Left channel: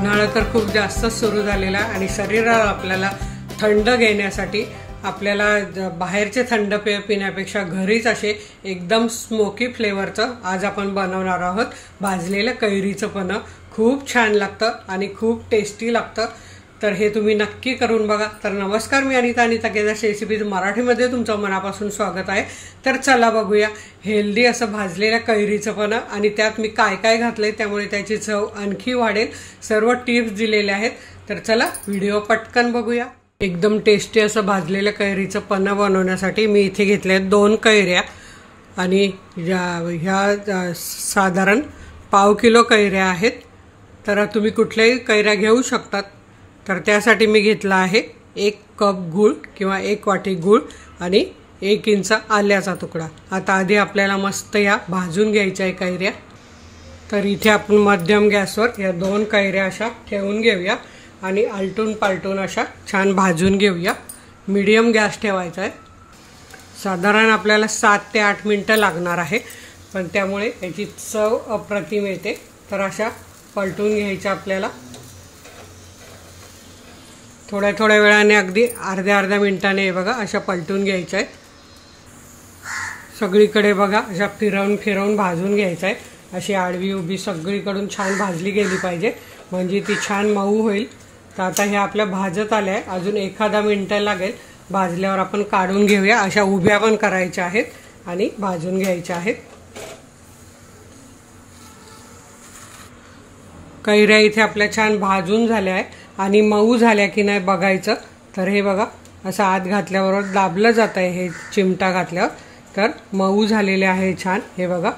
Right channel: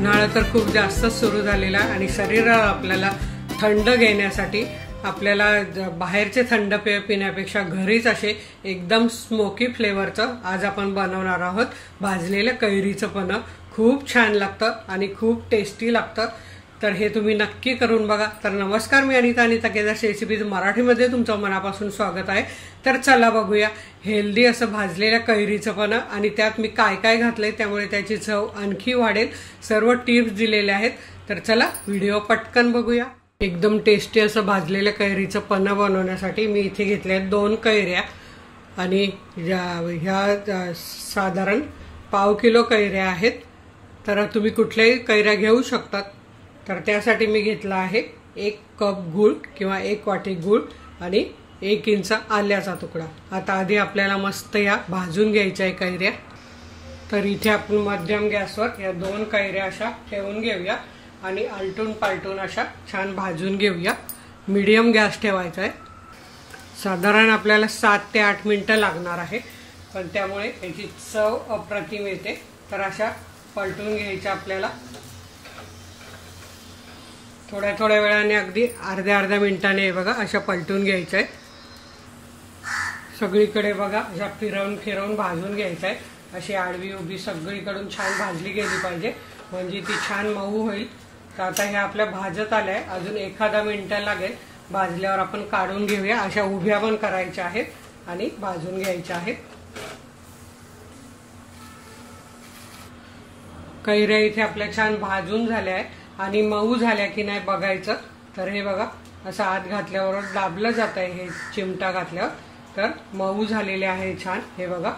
उन्हाळा तर खूप जास्त सुरू झालेला आणि शरीराला आपल्याला थंड घेण्यासाठी आपल्याला बाहेरचे थंड पेय पिण्यापेक्षा घरीच असे एकदम स्मोकी फ्लेवरचं आज आपण बनवणार आहोत भाजलेलं कैरीचं पन्ह। खूप छान लागतं आणि खूप टेस्टी लागतं, तर हे तुम्ही नक्की करून बघा। तर नमस्कार, मी अनिता केदार रेसिपीज मराठीमध्ये तुमचं मनापासून स्वागत आहे। तर चला बघूया हेल्दी असं भाजलेल्या कैरीचं पन्ह आणि त्यात मी काय काय घातलंय त्यामुळे त्याची चव आणखी वाढेल, सर्व टिप्स दिलेले आहेत। तर चला व्हिडिओ पटकन बघूया। एकदम टेस्टी असं भाजलेल्या कैरीचं पन्ह बनवण्यासाठी मी इथे घेतले 2 कैऱ्या आणि ह्या साधारण पाव किलो कैऱ्या आहेत। तर तुम्ही कुठल्याही कैऱ्या घेऊ शकतात। तर त्यासाठी मी घेतला आहे 1 कप गूळ किंवा 1 वाटी गूळ आणि 1 इंच आल्याचा तुकडा। आता आधी आपल्याला मस्त या भाजून घ्यायच्या आहे कैऱ्या। तर इथे आपण मध्यम गॅसवर या 2 कैऱ्या अशा ठेवून घेऊया आणि आलटून पालटून अशा छान भाजून घेऊया। मीडियम गॅस ठेवायचा आहे। साधारण आपल्याला 7 ते 8 मिनिटं लागणार आहे, पण त्यामुळे याची चव अप्रतिम येते। तर अशा पलटून घ्यायच्या आपल्याला थोड्या थोड्या वेळाने, अगदी अर्ध्या मिनिटाने बघा अशा पलटून घ्यायचं आहे। सगळीकडे बघा अशा फिरवून भाजून घ्यायचं आहे। अशी आडवी उभी सगळीकडून छान भाजली गेली पाहिजे, म्हणजे ती छान मऊ होईल। तर आता हे आपल्या भाजत आले आहे, अजून एखादा मिनिट लागेल। भाजल्यावर आपण काढून घेऊया। अशा उभ्या पण करायच्या आहेत आणि भाजून घ्यायच्या आहेत। कैऱ्या इथे आपल्या छान भाजून झाल्या आहे आणि मऊ झाल्या की नाही बघायचं। तर हे बघा असं आत घातल्यावर दाबलं जात आहे, हे चिमटा घातल्यावर तर मऊ झालेले आहे छान। हे बघा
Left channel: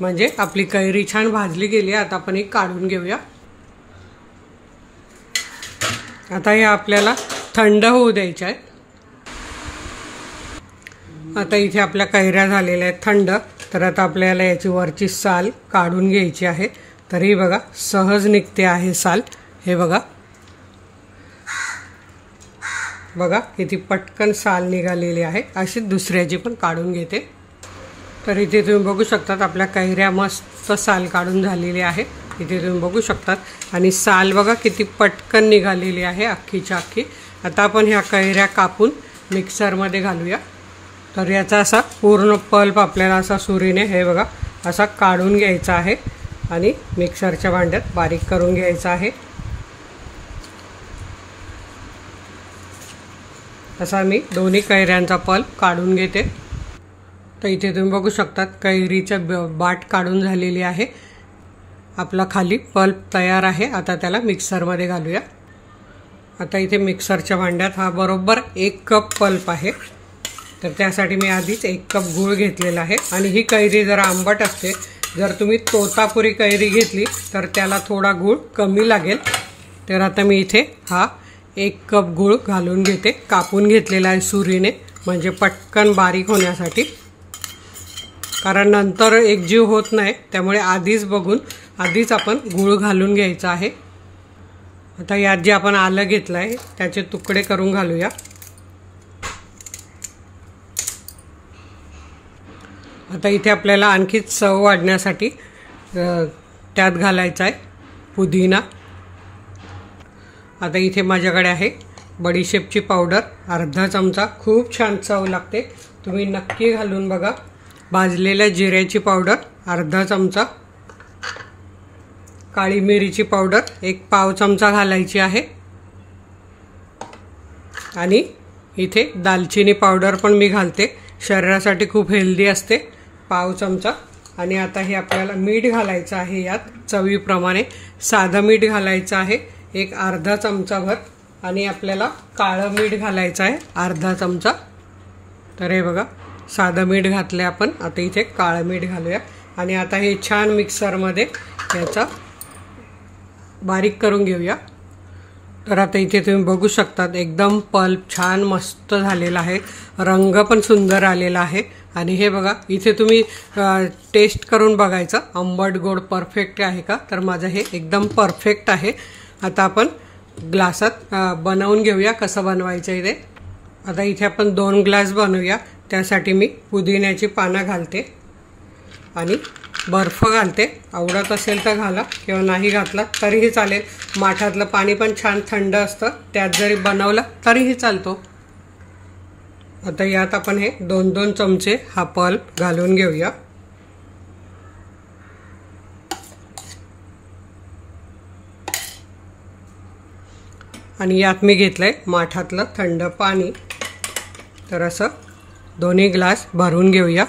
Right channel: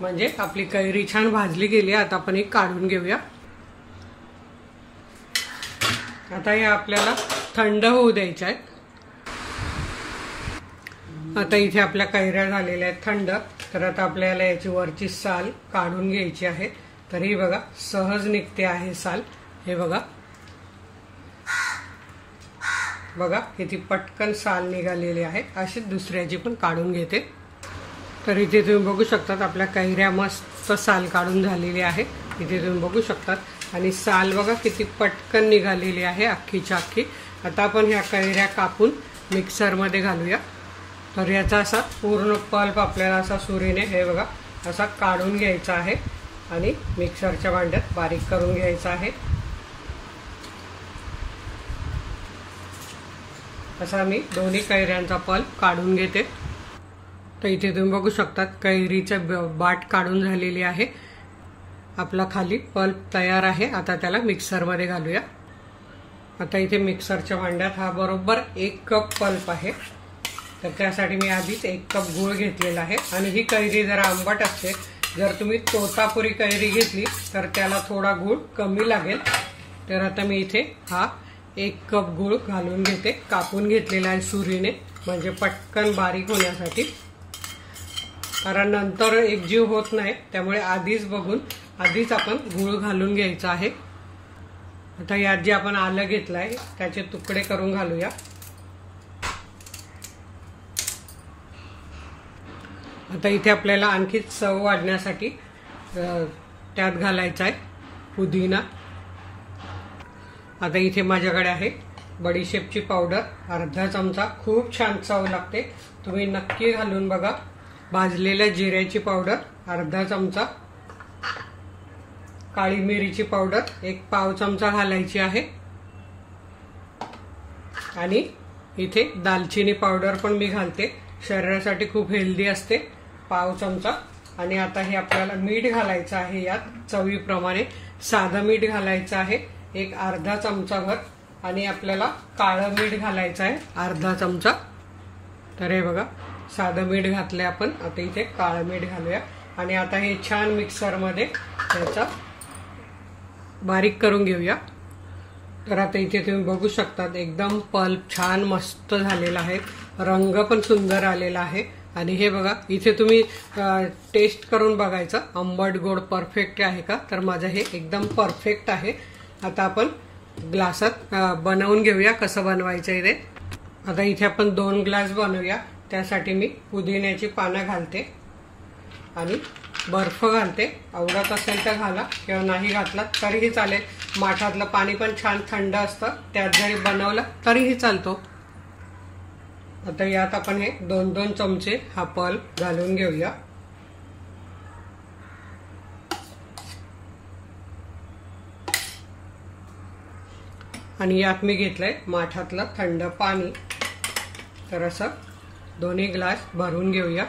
म्हणजे आपली कैरी छान भाजली गेली। आता आपण ही काढून घेऊया। आता हे आपल्याला थंड होऊ द्यायच्या आहेत। आता इथे आपल्या कैऱ्या झालेल्या आहेत थंड। तर आता आपल्याला याची वरची साल काढून घ्यायची आहे। तर ही बघा सहज निघते आहे साल। हे बघा किती पटकन साल निघालेली आहे। अशी दुसऱ्याची पण काढून घेते। तर इथे तुम्ही बघू शकतात आपल्या कैऱ्या मस्त साल काढून झालेली आहे। इथे तुम्ही बघू शकतात आणि साल बघा किती पटकन निघालेली आहे अख्खीच्या अख्खी। आता आपण ह्या कैऱ्या कापून मिक्सरमध्ये घालूया। तर याचा असा पूर्ण पल्प आपल्याला असा सुरीने हे बघा असा काढून घ्यायचा आहे आणि मिक्सरच्या भांड्यात बारीक करून घ्यायचा आहे। असा मी दोन्ही कैऱ्यांचा पल्प काढून घेते। तर इथे तुम्ही बघू शकतात कैरीचा बाट काढून झालेली आहे। आपला खाली पल्प तयार आहे। आता त्याला मिक्सरमध्ये घालूया। आता इथे मिक्सरच्या भांड्यात हा बरोबर 1 कप पल्प आहे। तर त्यासाठी मी आधीच 1 कप गूळ घेतलेला आहे आणि ही कैरी जरा आंबट असते। जर तुम्ही तोतापुरी कैरी घेतली तर त्याला थोडा गूळ कमी लागेल। तर आता मी इथे हा 1 कप गूळ घालून घेते, कापून घेतलेला आहे सुरीने, म्हणजे पटकन बारीक होण्यासाठी। कारण नंतर एकजीव होत नाही, त्यामुळे आधीच आपण गूळ घालून घ्यायचा आहे। आता यात जे आपण आलं घेतलं आहे त्याचे तुकडे करून घालूया। आता इथे आपल्याला आणखी चव वाढण्यासाठी त्यात घालायचा आहे पुदिना। आता इथे माझ्याकडे आहे बडीशेपची पावडर अर्धा चमचा। खूप छान चव लागते, तुम्ही नक्की घालून बघा। भाजलेल्या जिऱ्याची पावडर अर्धा चमचा, काळी मिरीची पावडर 1 पाव चमचा घालायची आहे आणि इथे दालचिनी पावडर पण मी घालते, शरीरासाठी खूप हेल्दी असते, पाव चमचा। आणि आता हे आपल्याला मीठ घालायचं आहे यात चवीप्रमाणे। साधं मीठ घालायचं आहे 1 अर्धा चमचाभर आणि आपल्याला काळं मीठ घालायचं आहे अर्धा चमचा। तर हे बघा साधं मीठ घातले आपण, आता इथे काळं मीठ घालूया आणि आता हे छान मिक्सरमध्ये याचा बारीक करून घेऊया। तर आता इथे तुम्ही बघू शकतात एकदम पल्प छान मस्त झालेला आहे, रंग पण सुंदर आलेला आहे। आणि हे बघा इथे तुम्ही टेस्ट करून बघायचं आंबट गोड परफेक्ट आहे का। तर माझं हे एकदम परफेक्ट आहे। आता आपण ग्लासात बनवून घेऊया कसं बनवायचं आहे ते। आता इथे आपण 2 ग्लास बनवूया। त्यासाठी मी पुदिन्याची पानं घालते आणि बर्फ घालते, आवडत असेल तर घाला किंवा नाही घातला तरीही चालेल। माठातलं पाणी पण छान थंड असतं, त्यात जरी बनवलं तरीही चालतो। आता यात आपण हे 2-2 चमचे हा पल्प घालून घेऊया। आणि यात मी घेतलंय माठातलं थंड पाणी, तर असं 2 ग्लास भरून घेऊया।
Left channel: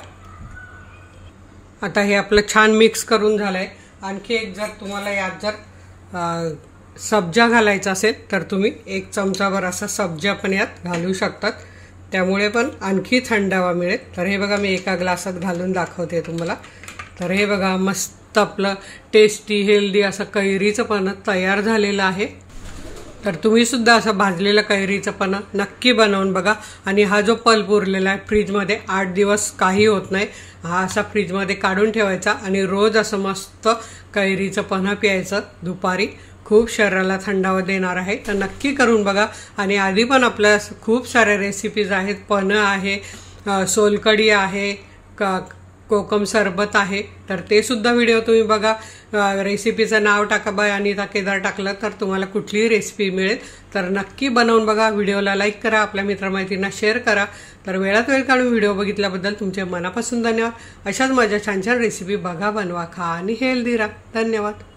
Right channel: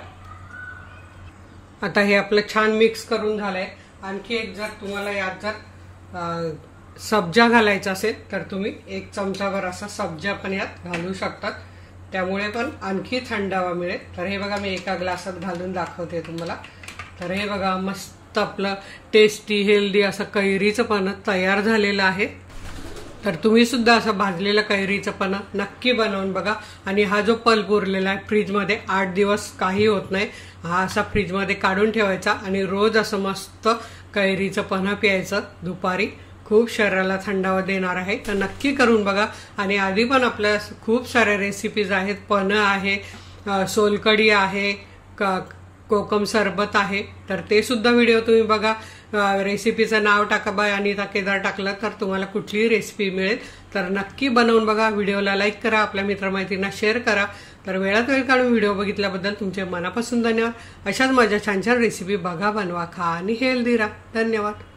आता हे आपलं छान मिक्स करून झालंय। आणखी एक जर तुम्हाला यात जर सब्जा घालायचा असेल तर तुम्ही 1 चमचाभर असा सब्जा पण यात घालू शकतात, त्यामुळे पण आणखी थंडावा मिळेल। तर हे बघा मी 1 ग्लासात घालून दाखवते तुम्हाला। तर हे बघा मस्त आपलं टेस्टी हेल्दी असं कैरीचं पानं तयार झालेलं आहे। तर तुम्ही सुद्धा असं भाजलेलं कैरीचं पानं नक्की बनवून बघा। आणि हा जो पल्प उरलेला आहे फ्रीजमध्ये 8 दिवस काही होत नाही, हा असा फ्रीजमध्ये काढून ठेवायचा आणि रोज असं मस्त कैरीचं पानं प्यायचं दुपारी, खूप शरीराला थंडावा देणार आहे। तर नक्की करून बघा। आणि आधी पण आपल्या खूप साऱ्या रेसिपीज आहेत, पानं आहे, सोलकढी आहे, कोकम सरबत आहे, तर ते सुद्धा व्हिडिओ तुम्ही बघा। रेसिपीचं नाव टाका बाय अनिता केदार टाकलं तर तुम्हाला कुठलीही रेसिपी मिळेल। तर नक्की बनवून बघा। व्हिडिओला लाईक करा, आपल्या मित्रमैत्रिणींना शेअर करा। तर वेळात वेळ काढून व्हिडिओ बघितल्याबद्दल तुमचे मनापासून धन्यवाद। अशाच माझ्या छान छान रेसिपी बघा, बनवा, खा आणि हेल्दी राहा। धन्यवाद।